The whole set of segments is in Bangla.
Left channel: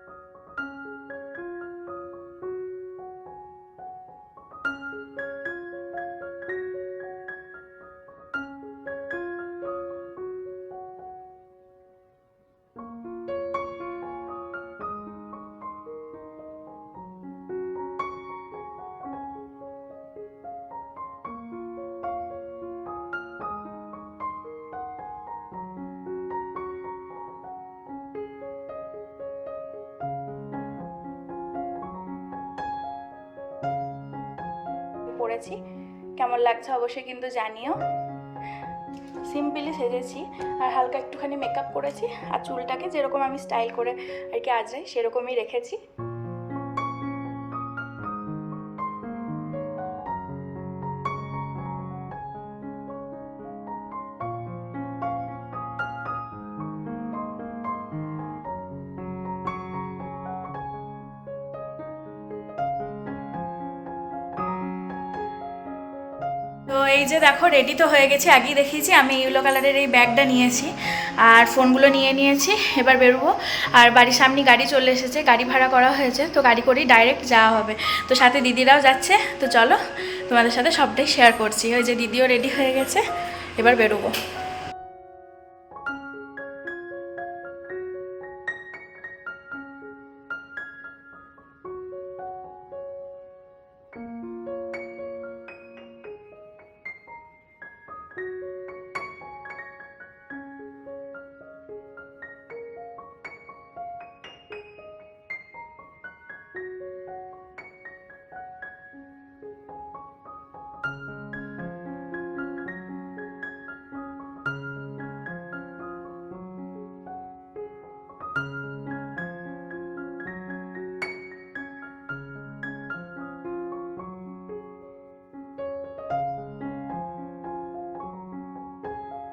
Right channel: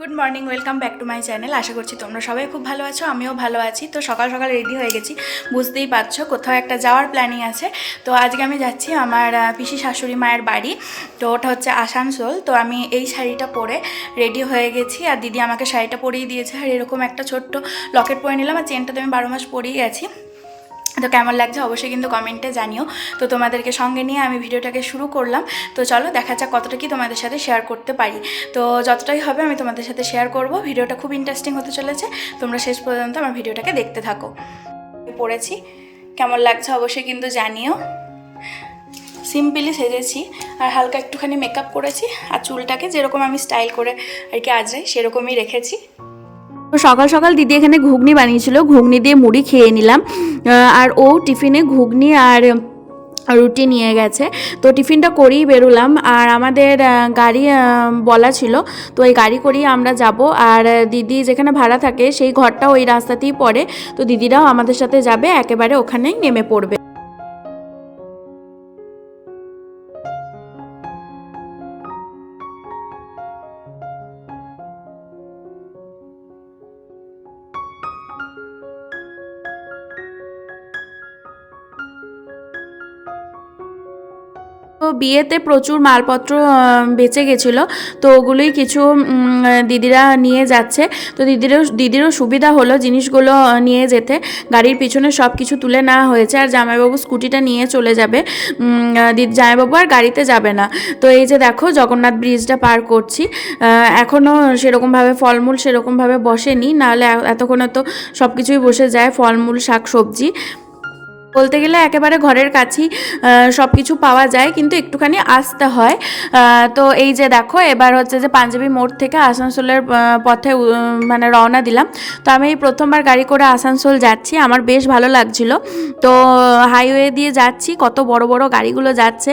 Good morning, welcome back to my channel. আশা করছি তোমরা সবাই খুব ভালো আছো, আমিও ভালো আছি। তো সকাল সকাল রেডি হয়ে গেছি, বুঝতেই পারছো কোথাও একটা যাওয়ার প্ল্যানিং আছে। তো আজকে আমি যাচ্ছি আমার পিসি শাশুড়ি মায়ের বাড়ি। তো ওটা হচ্ছে আসানসোল। তো আমি এই শাড়িটা পরে রেডি হয়ে গেছি, আর দিদি আমাকে শাড়িটা পরিয়ে দিয়েছে। আর এরকম একটা ছোট্ট লকেট পরে নিলাম, আর চেনটা তো আমি 12 মাস পরেই গেছি। তো কেমন লাগছে অবশ্যই কিন্তু কমেন্টে জানিও। তো তোমাদেরকে সঙ্গে নিয়ে আমি ভিডিওটাকে শুরু করলাম। তো চলো দেখা যাক কতটা কি তোমাদের সাথে শেয়ার করতে পারি। তো যতটাই হবে আমি তোমাদের সাথে শেয়ার করব। ভিডিওটা খুব ইন্টারেস্টিং হতে চলেছে, তোমরা শেষ পর্যন্ত আমার ভিডিওটাকে দেখতে থাকো। পড়েছি, কেমন লাগছে অবশ্যই কিন্তু জানিও। সিম্পলি সেজেছি, আর হালকা একটুখানি মেকআপ করেছি, আর চুলটাকে যেরকম আমি স্টাইল করে আর কি আজকে সেরকমই রেখেছি। তো সকাল সকাল দিদি এখানে ঘুগনি বানিয়েছিল, ঘুগনি দিয়ে মুড়ি খেয়ে নিলাম। আর ও টিফিনে ঘুগনি আর রুটি নিয়ে গেছে। তো টিফিনটা করেই বেরোলাম, আর আমাদের গাড়ি বলা ছিল, তো এই গাড়ি করেই আমরা যাব। আর দিদি যেখানে ভাড়া থাকে সেই ঘরটা ওই রাস্তাতেই পড়ে, তো দিদিরাও আমাদের সাথে যাবে, একেবারে ওখানেই নেমে পড়বে। তো এই যে দেখো রেডি তো হয়ে গেছি, আগেই দেখিয়েছি আমি ইয়েলো কালারের এই ব্যাগটা নিয়েছি, আর ফোনগুলো নিয়ে নিয়েছি। এবার বেরোবো, আর বাড়ির সামনে গাড়ি চলে এসেছে, গাড়ি ভাড়া করা হয়েছে, তো গাড়ি করেই ডাইরেক্ট যাওয়া হবে। তো সাথে দিদিরাও যাচ্ছে। তো চলো তোমাদের সাথে সবটাই শেয়ার করছি। ওই যে দিদিও রেডি হয়ে গেছে, এবার বেরোবো। তো বিয়েতে প্রচুর মালপত্র বেঁচে গেছিলো, তো ওগুলোই কিছু দিদিরা নিয়ে যাচ্ছে। তো দিদিরও সুবিধা হলো জিনিসগুলো নিয়ে যেতে। গাড়ির পিছনে সব কিছু তুলে নেওয়া হয়েছে, আর জামাইবাবু স্কুটিটা নিয়ে চলে যাবে। জামাইবাবু আর গাড়িতে যাবে না। তো এই যে দেখো জগন্নাথ ব্রিজটা পার করছি। এখনও সেরকমভাবে ফলমূল সেরকমভাবে বসেনি, নাহলে এতক্ষণে তো সব কিছুই বসে যায়, ফলমূল শাক সবজি বলতে গেলে একেবারে ঘরের কাছেই সব কিছু পাওয়া যায়, কিন্তু একটুখানি আসতে হয়। তো এই যে দেখো এবার হচ্ছে যে পাঞ্জাবি মোড় থেকে আসানসোলের পথে মানে রওনা দিলাম। তো আমি এই প্রথমবার গাড়ি করে আসানসোল যাচ্ছি, আমার বেশ ভালো লাগছিল। তো হাইওয়ে দিয়ে যাচ্ছি, কত বড় বড় গাড়িগুলো যাচ্ছে,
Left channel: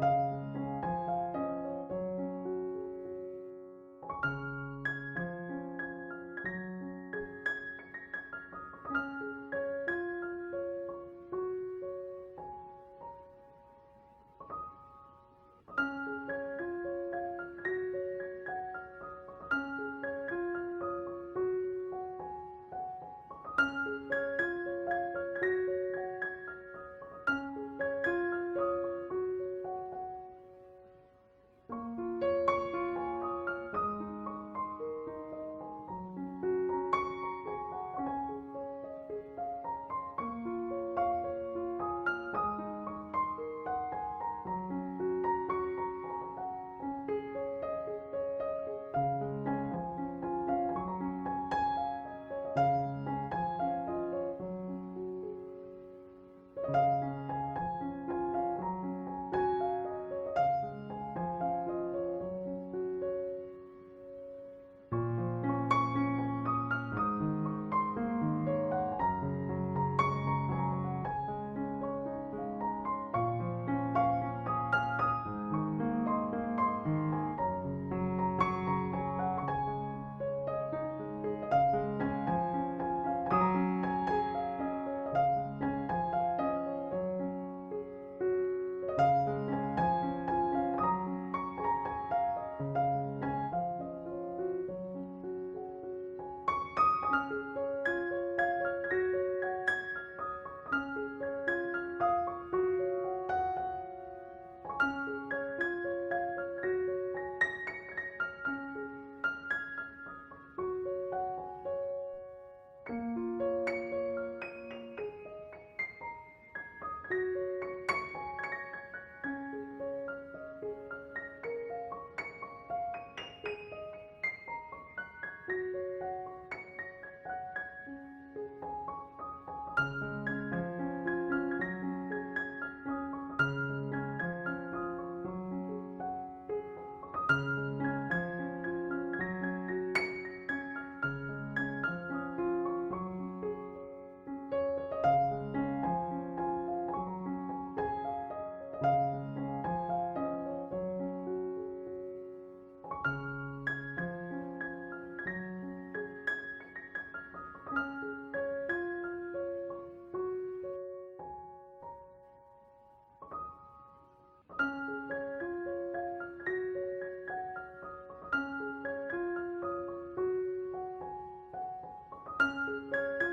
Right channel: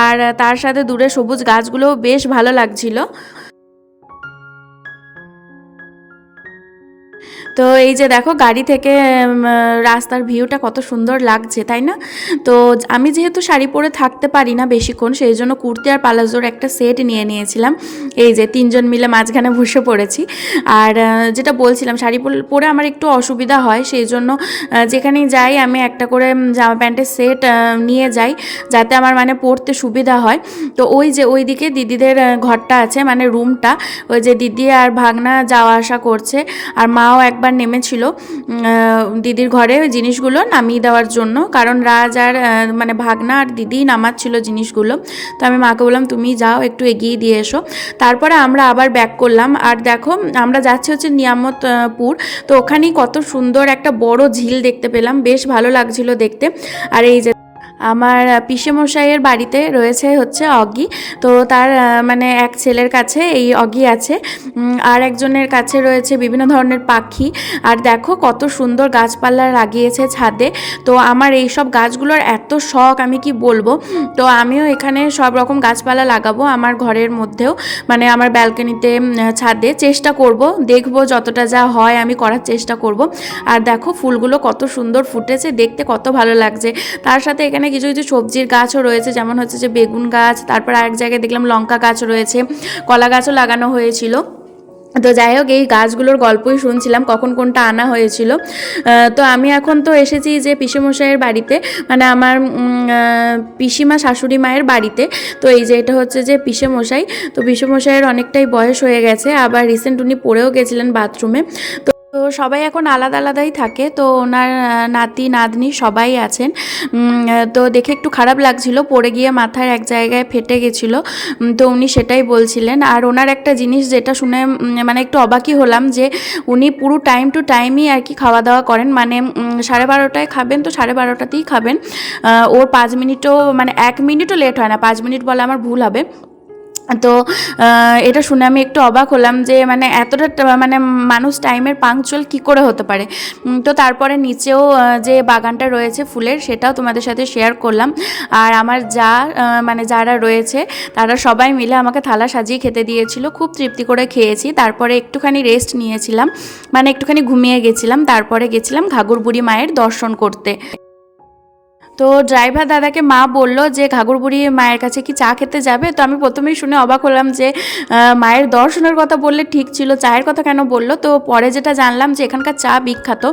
আর তার সাথে দূরে সবুজ গাছগুলোও বেশ ভালো লাগছিল। তো এই যে দেখো গাড়ি থেকে রাস্তার ভিউটা কত সুন্দর লাগছে, তাই না? তো আমি যেহেতু শাড়ি পরে থাকতে পারি না বেশিক্ষণ, সেই জন্য কুর্তি আর পালাজোর একটা সেট নিয়ে নিয়েছিলাম। এই যে তিনজন মিলে মাঝখানে বসে পড়েছি। আর যেটা বলছিলাম, শাড়ি পরে আমার একটু অসুবিধা হয়, সেই জন্য যেখানেই যাই আমি একটা করে জামা প্যান্টের সেট নিয়ে যাই, যাতে আমার মানে পরতে সুবিধা হয়। তো ওই যে ওইদিকে দিদিদের ঘরটা আছে, মানে রুমটা, ওই যে দিদি আর ভাগনা যাওয়া আসা করছে, আর মাও একবার নেমেছিল দিদির ঘরে জিনিসগুলো নামিয়ে দেওয়ার জন্য, কারণ রাজ আর মানে ভাগনা আর দিদি নামাচ্ছিল জিনিসগুলো। তো আমি মাকে বললাম তুমি যাও, একটু এগিয়ে দিয়ে এসো। তারপরে আমরা আবার ব্যাক করলাম। আর দেখো আমরা যাচ্ছি হচ্ছে নিয়ামতপুর। তো ওখানেই কত সুন্দর একটা বড় ঝিল দেখতে পেলাম, বেশ ভালো লাগছিল দেখতে। আর এই যে আমার পিসেমশাইয়ের বাড়িতে রয়েছে হচ্ছে অগি। তো তার মানে এক ছেলের কাছে এই অগি আছে, আর একজনের কাছে রয়েছে বিভিন্ন ধরনের পাখি। আর দেখো কত সুন্দর গাছপালা লাগিয়েছে ছাদে। তো আমার এই সব গাছগুলোর এত শখ, আমি কি বলবো। তো আমিও এখানে সব রকম গাছপালা লাগাবো আমার ঘরের মধ্যেও, মানে আমার ব্যালকনিতে, ছাদে। চেষ্টা করব, দেখব যতটা যা হয় আমি করার চেষ্টা করব। আর দেখো ফুলগুলো কত সুন্দর ফুটেছে, দেখতে কত ভালো লাগছে। তার সাথে এখানে কিছু কিছু সবজির গাছও রয়েছে, যেমন হচ্ছে যে বেগুন গাছ, তারপর আরেক জায়গায় দেখলাম লঙ্কা গাছ রয়েছে, কলা গাছও লাগানো হয়েছিল। তো যাই হোক এই গাছগুলোর গল্পই শুনছিলাম, কখন কোনটা আনা হয়েছিল। তো আমি এখন তো এসেছি যে পিসেমশাইয়ের বাড়িতে, মানে আমার পিসিমা শাশুড়ি মায়ের বাড়িতে। তো এই যে এটা হচ্ছে যে পিসেমশাই। তো পিসেমশাইয়ের অনেকটাই বয়স হয়ে গেছে, আবার রিসেন্ট উনি পড়েও গেছিলেন বাথরুমে। তো সবাই এখন আলাদা আলাদাই থাকে, তো ওনার নাতি নাতনি সবাই আছেন। তো দেখে একটু খারাপ লাগছিল, পড়ে গিয়ে মাথার এক জায়গায় ফেটে গেছিলো। তো উনি সেটাই বলছিলেন। আর ওনার একটা জিনিস যেটা শুনে মানে একটু অবাকই হলাম, যে উনি পুরো টাইম টু টাইমই আর কি খাওয়া দাওয়া করেন, মানে 12:30টায় খাবেন তো 12:30টাতেই খাবেন। ওর 5 মিনিটও মানে 1 মিনিটও লেট হয় না, 5 মিনিট বলে আমার ভুল হবে। তো এটা শুনে আমি একটু অবাক হলাম, যে মানে এতটা মানে মানুষ টাইমের পাংচুয়াল কী করে হতে পারে। তো তারপরে নিচেও যে বাগানটা রয়েছে ফুলের, সেটাও তোমাদের সাথে শেয়ার করলাম। আর আমার যা মানে যারা রয়েছে তারা সবাই মিলে আমাকে থালা সাজিয়ে খেতে দিয়েছিল, খুব তৃপ্তি করে খেয়েছি। তারপরে একটুখানি রেস্ট নিয়েছিলাম, মানে একটুখানি ঘুমিয়ে গেছিলাম। তারপরে গেছিলাম ঘাঘর বুড়ি মায়ের দর্শন করতে। তো ড্রাইভার দাদাকে মা বলল যে ঘাগরবুড়ি মায়ের কাছে কি চা খেতে যাবে। তো আমি প্রথমেই শুনে অবাক হলাম যে মায়ের দর্শনের কথা বললে ঠিক ছিল, চায়ের কথা কেন বললো। তো পরে যেটা জানলাম যে এখানকার চা বিখ্যাত।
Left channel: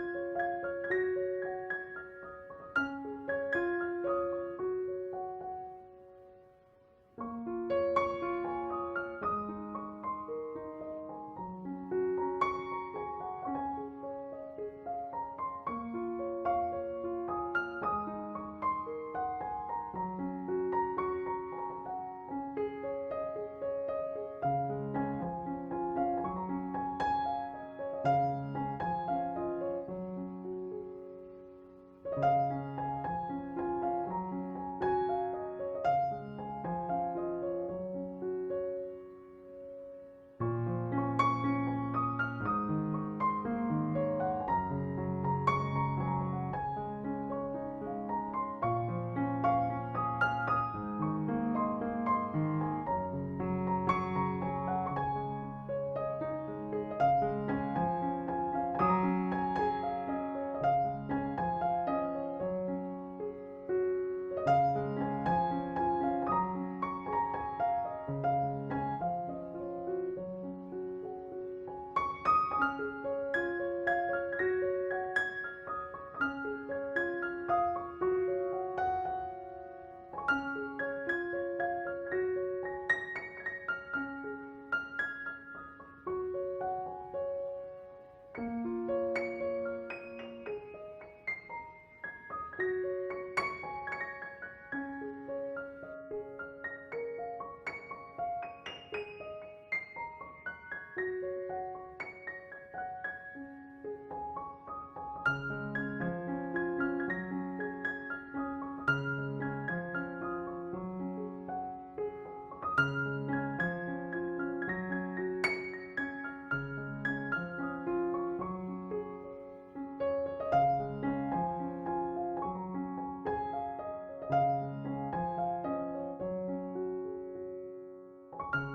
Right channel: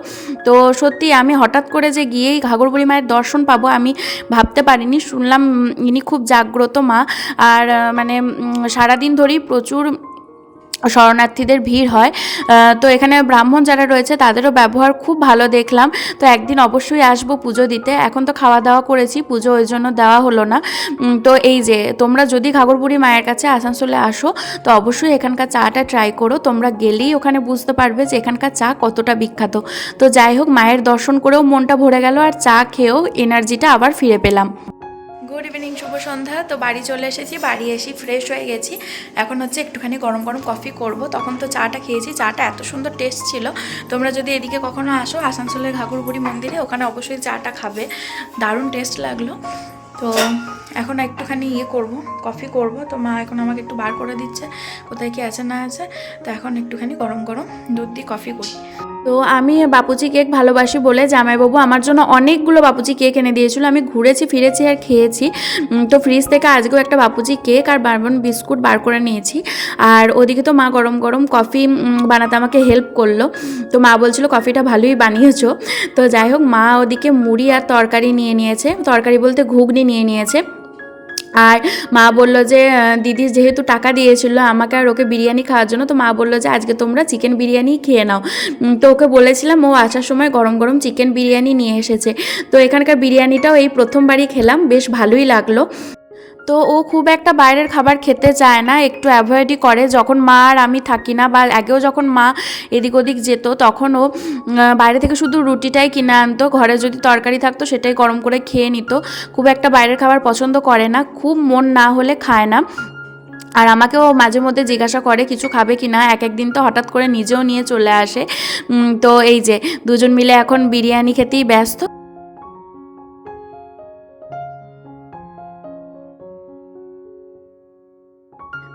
তো সত্যি আমি হঠাৎ করে যে গিয়েই ঘাগরবুড়ি মায়ের দর্শন পাবো আমি ভাবতে পারিনি। শুনলাম ইনি খুব জাগ্রত মা, আর মানে সারাদিন ধরেই প্রচুর শরণার্থীদের ভিড় হয়। তো এখানে ব্রাহ্মণ যারা রয়েছে তাদেরও ব্যবহার খুব ভালো দেখলাম। তো একদিন অবশ্যই আসবো পুজো দিতে। এখন তো খাওয়া দাওয়া করেছি, পুজো ওই জন্য দেওয়া হলো না। তো এই যে তোমরা যদি ঘাগরবুড়ি মায়ের কাছে আসানসোলে আসো তো অবশ্যই এখানকার চাটা ট্রাই করো। তোমরা গেলেই ওখানে বুঝতে পারবে যে এখানকার চা কতটা বিখ্যাত। তো যাই হোক, মায়ের দর্শন করেও মনটা ভরে গেল, আর চা খেয়েও এনার্জিটা আবার ফিরে পেলাম। গুড ইভিনিং, শুভ সন্ধ্যা। তো বাড়ি চলে এসেছি, বাড়ি এসে ফ্রেশ হয়ে গেছি। এখন হচ্ছে একটুখানি গরম গরম কফি করব। তখন তো চাটা খেয়েছি, চাটা এত সুন্দর টেস্ট ছিল। তোমরা যদি এদিকে কখনো আসো আসানসোলের ঘাগরবুড়ি মন্দিরে, ওখানে অবশ্যই চাটা খাবে, দারুণ টেস্ট লাগলো। তো এখন একটুখানি করব, কফি করব। তো মা এখন আমাকে একটু বার করে দিচ্ছে কোথায় কি আছে না আছে। তো এখন একটুখানি গরম গরম দুধ দিয়ে কফি করি। তো আমি বাপুজি কেক ভালোবাসি বলে জামাইবাবু আমার জন্য অনেকগুলো বাপুজি কেক এনে দিয়েছিল। আমি ঘুরেছি ফিরেছি আর খেয়েছি। তো ফ্রিজ থেকে আজকেও একটা বাপুজি কেক আর বারবন বিস্কুট বার করে নিয়েছি। আর ওদিকে তো মা গরম গরম কফি বানাতে আমাকে হেল্প করলো। তো মা বলছিল কফিটা ভালোই বানিয়েছো। তো যাই হোক, মা ওদিকে মুড়ি আর তরকারি নিয়ে নিয়েছে, তরকারি বলতে ঘুগনি নিয়ে নিয়েছে। আর মা বললো যে দিদি যেহেতু টাকা দিয়েছিল আমাকে আর ওকে বিরিয়ানি খাওয়ার জন্য, তো মা বললো যে আজকে তোমরা চিকেন বিরিয়ানি খেয়ে নাও। তো ওকে বলেছিলাম, ও আসার সময় গরম গরম চিকেন বিরিয়ানি নিয়ে এসেছে। তো এখানকার বিরিয়ানিটাও এই প্রথমবারই খেলাম, বেশ ভালোই লাগলো। তো ও খুব একটা বাইরের খাবার খেতে চায় না, একটু অ্যাভয়েডই করে। যখন মা আর আমি থাকি না, বা আগেও যখন মা এদিক ওদিক যেত তখন ও বাইরে থেকে শুধু রুটিটাই কিনে আনতো, ঘরে যদি তরকারি থাকতো সেটাই গরম করে খেয়ে নিত। খুব একটা বাইরের খাবার পছন্দ করে না, খুব মন না হলে খায় না। আর আমাকেও মাঝে মধ্যে জিজ্ঞাসা করে কিছু খাবে কি না, এক একদিন তো হঠাৎ করে নিজেও নিয়ে চলে আসে। তো এই যে দুজন মিলে এখন বিরিয়ানি খেতেই ব্যস্ত।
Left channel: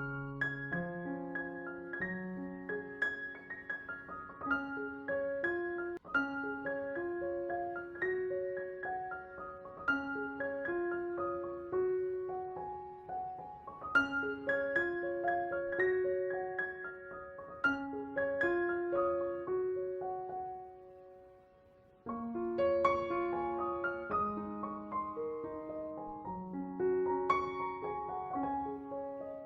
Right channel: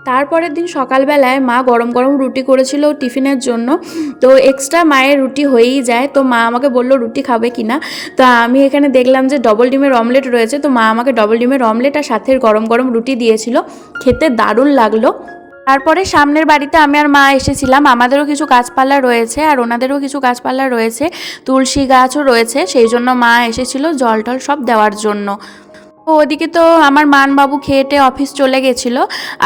তারপরের দিন সকালবেলায় মা গরম গরম রুটি করেছিল টিফিনের জন্য। তো এক্সট্রা মায়ের রুটি হয়েই যায়। তো মা আমাকে বললো রুটি খাবে কিনা। তো আমি এখানে দেখলাম যে ডবল ডিমের অমলেট রয়েছে, তো মা আমাকে ডবল ডিমের অমলেট আর সাথে গরম গরম রুটি দিয়েছিল, খেতে দারুণ লাগলো। তারপরে সামনের বাড়িতে আমি আর মা এসেছিলাম। আমাদেরও কিছু গাছপালা রয়েছে আর ওনাদেরও কিছু গাছপালা রয়েছে, তুলসী গাছও রয়েছে, সেই জন্য মা এসেছিল জল টল সব দেওয়ার জন্য। তো ওদিকে তো আমার মানবাবু খেয়েটে অফিস চলে গেছিলো।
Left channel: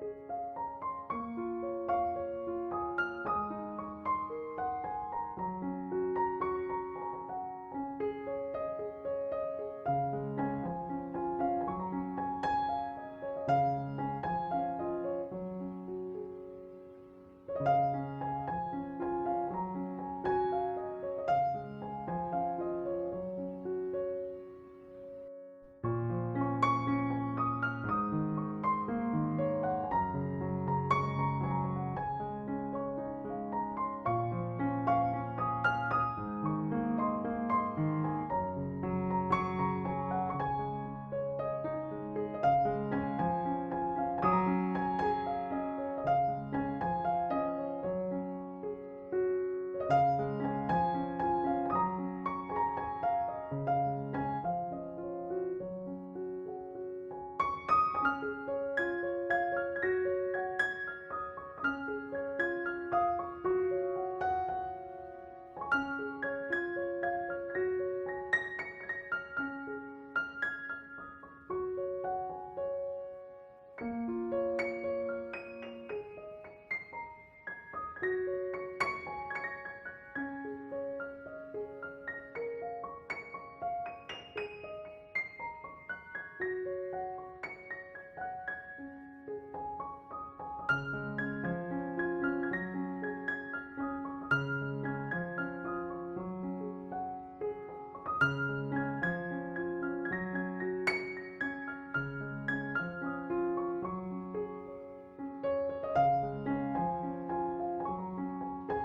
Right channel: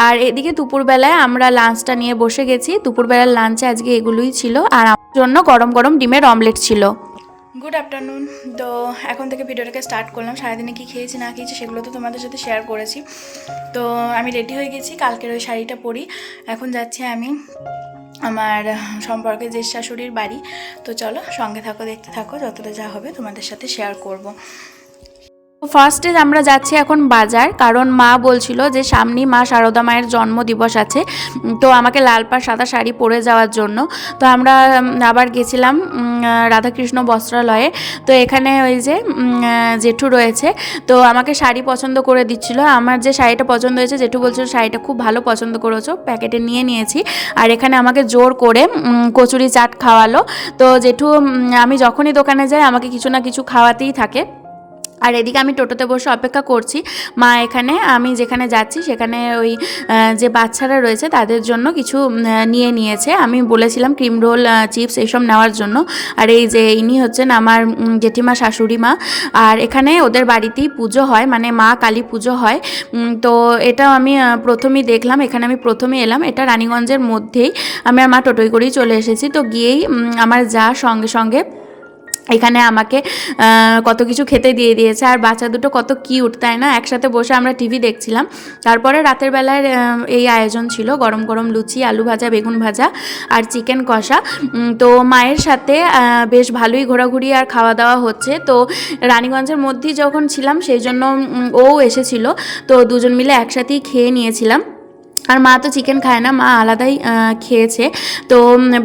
আর এদিকে দুপুরবেলায় আমরা লাঞ্চটা নিয়ে বসে গেছি। দুপুরবেলার লাঞ্চে আজকে এগুলোই ছিল, আর আমার জন্য গরম গরম ডিমের অমলেট ছিল। Good afternoon. তো এখন থেকে ভিডিওটাকে স্টার্ট করলাম। সারাদিনে কী খেয়েছি না খেয়েছি সেগুলো তো তোমাদের সাথে শেয়ার করেছি। তো আমি রেডি হয়ে গেছি, কালকের ওই শাড়িটা পরি। এখন যাচ্ছি আমি আমার সম্পর্কে যে শাশুড়ির বাড়ি। তো চলো সঙ্গে থাকো, দেখতে থাকো, যতটা যা হবে তোমাদের সাথে শেয়ার করব। ফার্স্টে আমরা যাচ্ছি এখন বাজার, কারণ মা বলছিল যে সামনেই মা শারদা মায়ের জন্মদিবস আছে, তো আমাকে লাল পাড় সাদা শাড়ি পরে যাওয়ার জন্য। তো আমরা আবার গেছিলাম রাধাকৃষ্ণ বস্ত্রালয়ে। তো এখানে ওই যে জেঠু রয়েছে, তো আমাকে শাড়ি পছন্দ করে দিচ্ছিল। আমার যে শাড়িটা পছন্দ হয়েছে জেঠু বলছিল শাড়িটা খুব ভালো পছন্দ করেছো, প্যাকেটে নিয়ে নিয়েছি। আর এখানে আমাকে জোর করে কচুরি চাট খাওয়ালো। তো জেঠু আমি যখনই দোকানে যাই আমাকে কিছু না কিছু খাওয়াতেই থাকে। আর এদিকে আমি টোটোতে বসে অপেক্ষা করছি। মা এখানে আমি যেখানে যাচ্ছি সেখানে ওই যে বাচ্চারা রয়েছে তাদের জন্য কিছু নিয়ে নিয়েছে। আমি বলেছিলাম ক্রিম রোল, চিপস এইসব নেওয়ার জন্য। আর এই যে ইনি হচ্ছেন আমার জেঠিমা শাশুড়ি মা। আর এখানে ওদের বাড়িতেই পুজো হয়, মানে মা কালী পুজো হয়। তো এটা আমি প্রথমেই দেখলাম, এখানে আমি প্রথমে এলাম। এটা রানীগঞ্জের মধ্যেই, আমি আর মা টোটোই করেই চলে এসেছি। তো গিয়েই আমার যা সঙ্গে সঙ্গে এখানে আমাকে কত কিছু খেতে দিয়ে দিয়েছে। আর বাচ্চা দুটো কত কিউট, তাই না? একসাথে বসে আমরা টিভি দেখছিলাম। তারপরে রাতের বেলার এই আয়োজন ছিল গরম গরম লুচি, আলু ভাজা, বেগুন ভাজা আর চিকেন কষা। তো মায়ের সাথে বেশ ভালোই ঘোরাঘুরি আর খাওয়া দাওয়া হচ্ছে। তো রানীগঞ্জের মধ্যেই যখন ছিলাম সেই জন্য ও এসেছিল, তো দুজন মিলে একসাথেই খেয়ে নিয়েছিলাম। আর মা তো চিকেন খায় না, মা আলাদাই খেয়েছে। তো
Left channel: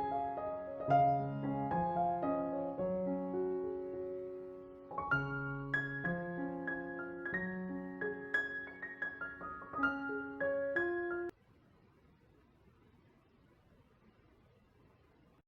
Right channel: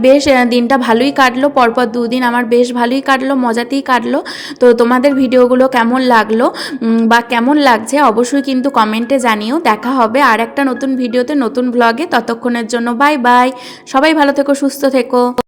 বেশ দিনটা ভালোই কাটলো, পরপর দুদিন আমার বেশ ভালোই কাটলো, মজাতেই কাটলো। তো তোমাদের ভিডিওগুলো কেমন লাগলো বা কেমন লাগছে অবশ্যই কিন্তু কমেন্টে জানিও। দেখা হবে আর একটা নতুন ভিডিওতে, নতুন ব্লগে। ততক্ষণের জন্য বাই বাই, সবাই ভালো থেকো, সুস্থ থেকো।